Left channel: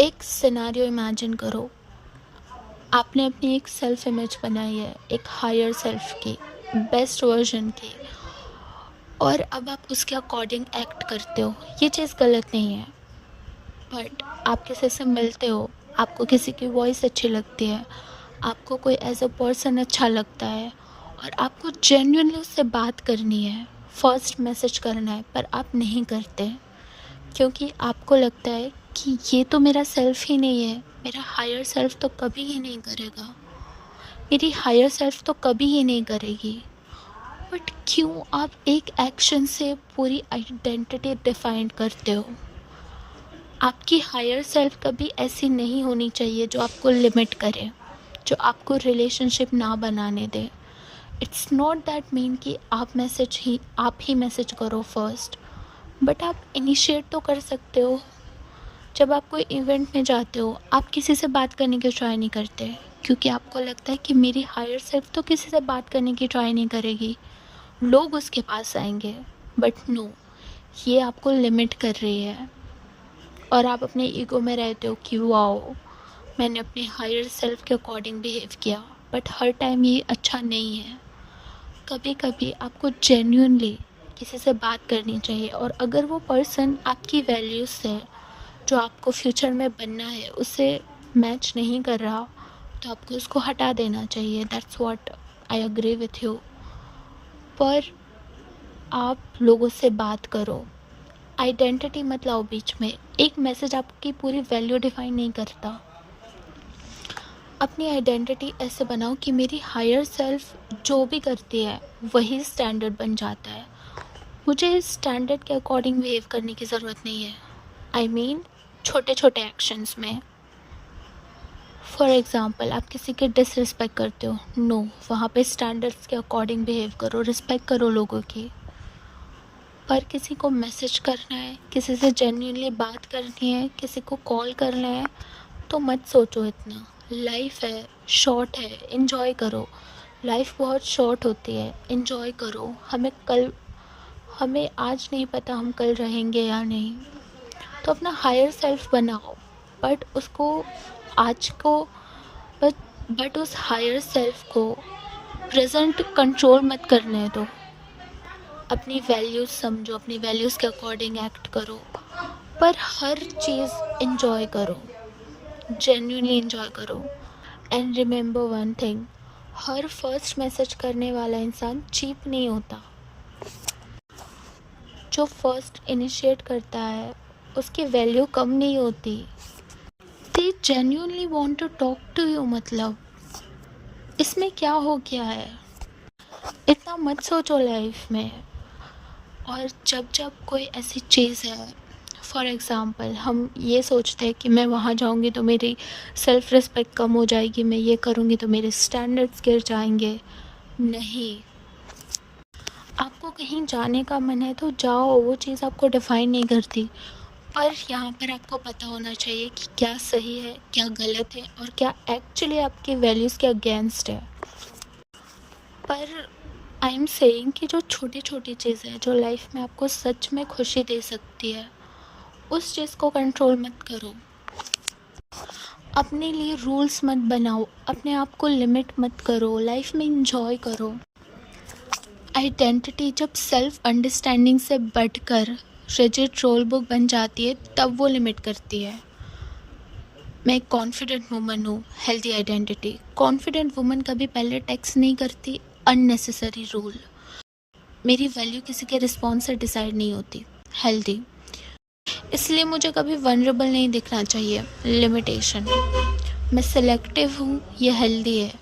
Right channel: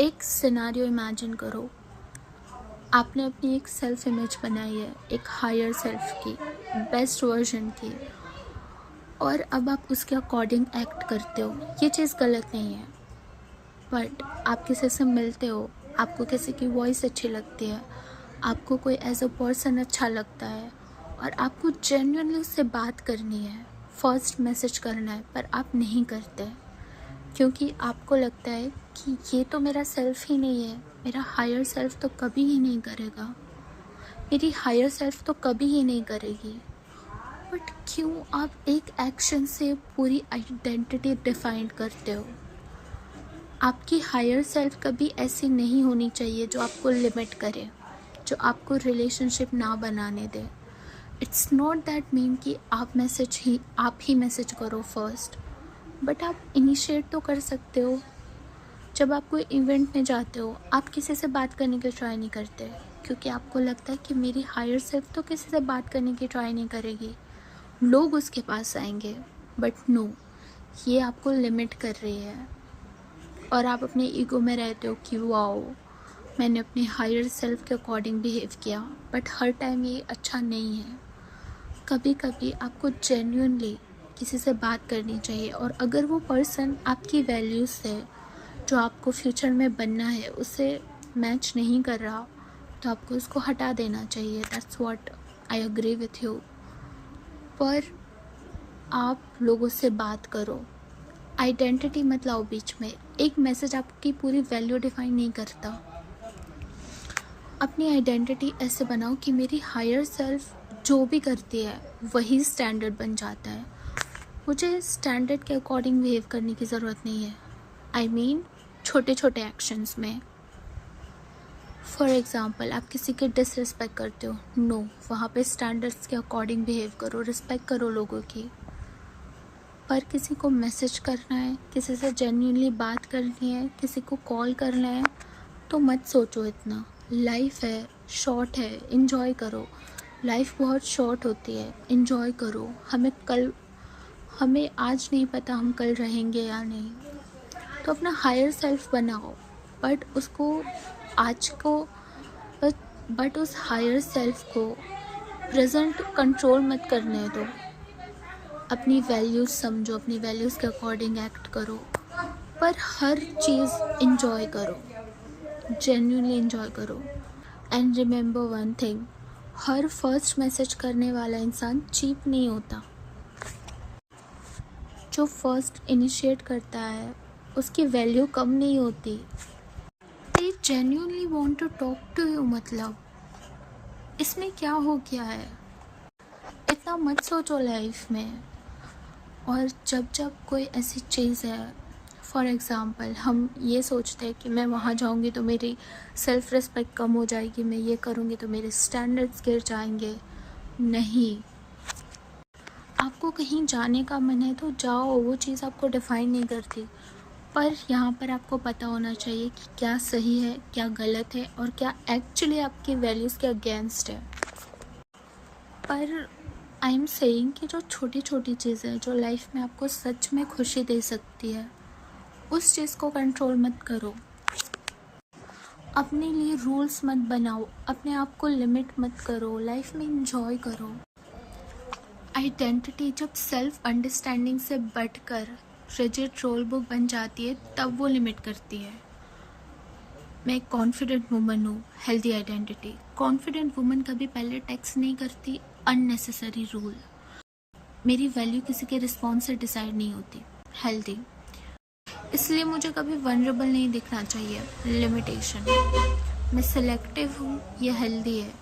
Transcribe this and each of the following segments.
एक scenario imagine करो। आपने अपनी एक सेल्फ इमेज बनाई है, एक हायर सेल्फ की, बेस्ट वर्जन की, और अब आप उसके अकॉर्डिंग एक्ट करते हो। ये चीज़ गलत नहीं है, बट आप किसी से मिलते हो, आपको किसी की वॉइस अच्छी लगती है, आपको कोई एज अ पर्सन अच्छा लगता है, और आपको जेन्युइनली उससे बात करनी है, फर्स्ट मैसेज करना है, पर आप नहीं करते क्योंकि आपको लगता है कि ये तो मेरा सेल्फ ही नहीं है, मेरा हायर सेल्फ तो कभी ही नहीं करेगा, मेरी हायर सेल्फ तो कभी ही नहीं करेगी। बट क्यों आप एक एक्शन से पूरी आइडेंटिटी डिफाइन करते हो? आपकी हायर सेल्फ कभी ऐसी नहीं होनी चाहिए जो आपको लिमिट करे, जो आपको रिलेशनशिप ना बनाने दे। इट्स नॉट दैट मीन कि आप ही मैसेज करो फर्स्ट, बट आप इनिशिएट तो कर सकते हो। जब आप कोई इवेंट में जाते हो, आप किसी से बात करने की ट्राई नहीं करते क्योंकि आपको लगता है कि मेरी हायर सेल्फ तो किसी से बात करने की ट्राई नहीं करेगी, लोग उसके पास आएंगे। बट नो, ये आपको लिमिट कर रही है और आप अपने ईगो में रहते हो कि वाओ, मैंने अपने हायर सेल्फ के अकॉर्डिंग बिहेव किया। बट हर टाइम ये अच्छा नहीं है। कभी कभी आपको जेन्युइनली किसी से बात करनी चाहिए, और अगर वो पर्सन आपकी वैल्यूज़ से, जो आपको फ्यूचर में बनना है, उससे मैच नहीं कर रहा, तो आपको उसको हटा देना चाहिए। That's what I agree with you. पर आप लोगों से बात करो, आइडेंटिटी मत लाओ बीच में। एक मैसेज आपकी पूरी वैल्यू डिफाइन नहीं करता। अपनी आइडेंटिटी ऐसे बनाओ कि मेरी हायर सेल्फ जो भी करती है वही स्टैंडर्ड बन जाता है। मुझे स्टैंडर्ड के अकॉर्डिंग बिहेव करने की ज़रूरत नहीं है। आई मीन छोटे छोटे एक्शंस में। फॉर एग्ज़ाम्पल, आप किसी के डिसरिस्पेक्ट करते हो, नो, वहाँ पे स्टैंडर्ड्स के अकॉर्डिंग बिहेव करो, रिस्पेक्ट करो लोगों की। पर किसी को मैसेज करना है, किसी से जेन्युइनली बात करनी है, किसी को कॉल करना है, तो मत सोचो इतना। लाइफ है, शॉर्ट है, इन्जॉय करो। लाइफ बहुत शॉर्ट होती है, इन्जॉय करो। हमें आज नहीं पता हम कल रहेंगे या नहीं, तो अपना हायर सेल्फ बनाओ। बट उसको आज को बट उस हायर सेल्फ को प्रेजेंट कंट्रोल मत करने दो। अपनी वैल्यूज़ समझो, अपनी वैल्यूज़ के अकॉर्डिंग एक्ट करो, पर हर चीज़ इंजॉय करो, जेन्युइनली इंजॉय करो। And remember one thing, her first message करने वाला इंसान चीप नहीं होता। जो फर्स्ट इनिशिएट करता है उसकी वैल्यू कम नहीं होती। They genuinely want to talk to you, मतलब इसमें क्या हो गया है? इतना मत सोचो लाइफ में। और जब जब कोई ऐसी चीज़ है, फॉर एग्ज़ाम्पल हम ये सोचते हैं कि मैं वहाँ जाऊँगी तो मेरी सेल्फ़ रिस्पेक्ट कम हो जाएगी, मैं ये करूँगी तो मेरे स्टैंडर्ड्स गिर जाएंगे। नहीं, आपको कहीं जाने का मन है तो जाओ, वो चीज़ आपको डिफ़ाइन नहीं करती। पर यहाँ पर आपको पता होना चाहिए कि क्या सही है, क्या गलत है, और क्या एक्चुअली आपकी वैल्यूज़ के अगेंस्ट है। पर आई एम सेइंग कि जो छोटी छोटी चीज़ें हैं जो लाइफ में आपको सच में खुशी दे सकती है, उस चीज़ को कंट्रोल मत करो। अपने लिए रूल्स मत बनाओ, अपने आप को लिमिट मत करो, लाइफ में इंजॉय करो। आइडेंटिटी जब सेल्फ अंडरस्टैंडिंग से बढ़कर रिजिड रोल बुक बन जाती है, तब वो लिमिट करती है। मैं एक कॉन्फिडेंट वुमन हूँ, हेल्दी आइडेंटिटी। कॉन्फिडेंट वुमन कभी पहले टेक्स्ट नहीं करती अननेसेसरी रूल। मेरी वैल्यू किसी के रिस्पॉन्स से डिसाइड नहीं होती, हेल्दी। इसलिए मुझे कभी वनरेबल नहीं दिखना चाहिए, लिमिटेशन। मैं सिलेक्टिव हूँ, ये हेल्दी है।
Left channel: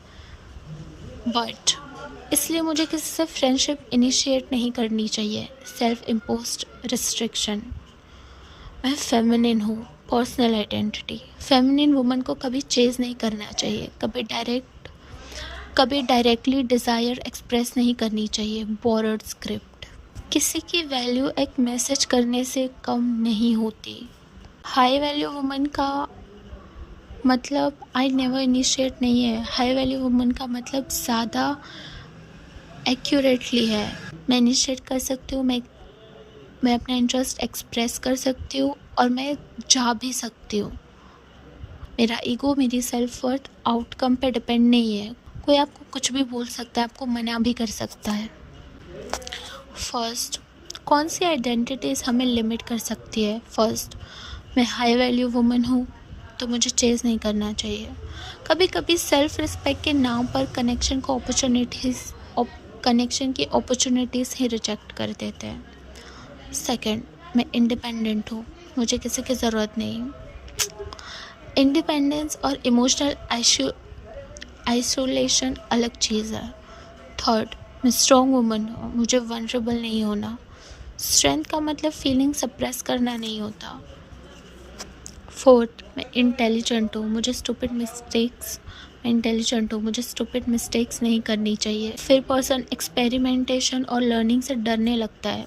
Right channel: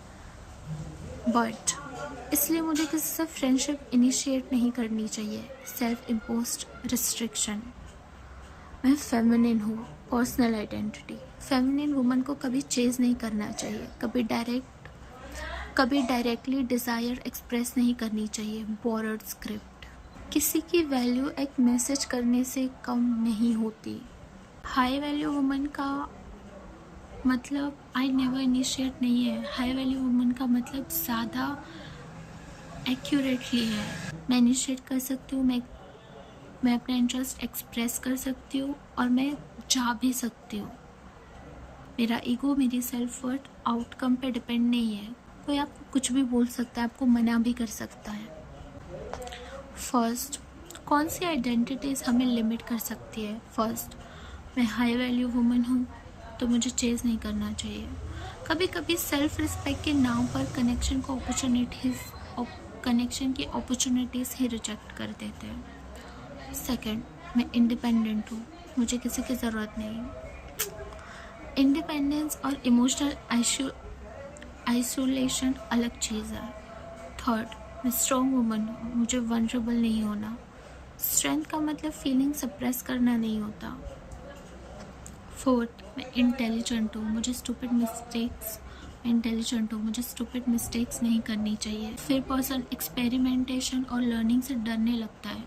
बट इसलिए मुझे किसी से फ्रेंडशिप इनिशिएट नहीं करनी चाहिए, सेल्फ इम्पोज्ड रिस्ट्रिक्शन। मैं फेमिनिन हूँ, पर्सनल आइडेंटिटी। फेमिनिन वुमन को कभी चेज़ नहीं करना चाहिए, कभी डायरेक्टली डिज़ायर एक्सप्रेस नहीं करनी चाहिए, बोर्ड स्क्रिप्ट। किसी की वैल्यू एक मैसेज करने से कम नहीं होती। हाई वैल्यू वुमन का मतलब आई नेवर इनिशिएट नहीं है। हाई वैल्यू वुमन का मतलब ज़्यादा एक्यूरेटली है। मैं इनिशिएट कर सकती हूँ, मैं अपना इंटरेस्ट एक्सप्रेस कर सकती हूँ, और मैं जा भी सकती हूँ। मेरा ईगो मेरी सेल्फ वर्थ आउटकम पे डिपेंड नहीं है। कोई आपको कुछ भी बोल सकता है, आपको मना भी कर सकता है। फर्स्ट, कौन सी आइडेंटिटीज़ हमें लिमिट कर सकती है? फर्स्ट, मैं हाई वैल्यू वुमन हूँ तो मुझे चेज़ नहीं करना चाहिए। कभी कभी सेल्फ रिस्पेक्ट के नाम पर कनेक्शन की अपॉर्चुनिटीज़ ही रिजेक्ट कर देते हैं। सेकंड, मैं इंडिपेंडेंट हूँ, मुझे किसी की ज़रूरत नहीं। इंडिपेंडेंस और इमोशनल आइसोलेशन अलग चीज़ है। थर्ड, मैं स्ट्रॉन्ग वुमन हूँ, मुझे वनरेबल नहीं होना। स्ट्रेंथ का मतलब फीलिंग सप्रेस करना नहीं होता। फोर्थ, मैं इंटेलिजेंट हूँ, मुझे स्टूपिड मिस्टेक्स नहीं करनी चाहिए। फिर पर्सन एक्सपेरिमेंटेशन और लर्निंग से डरने लगता है।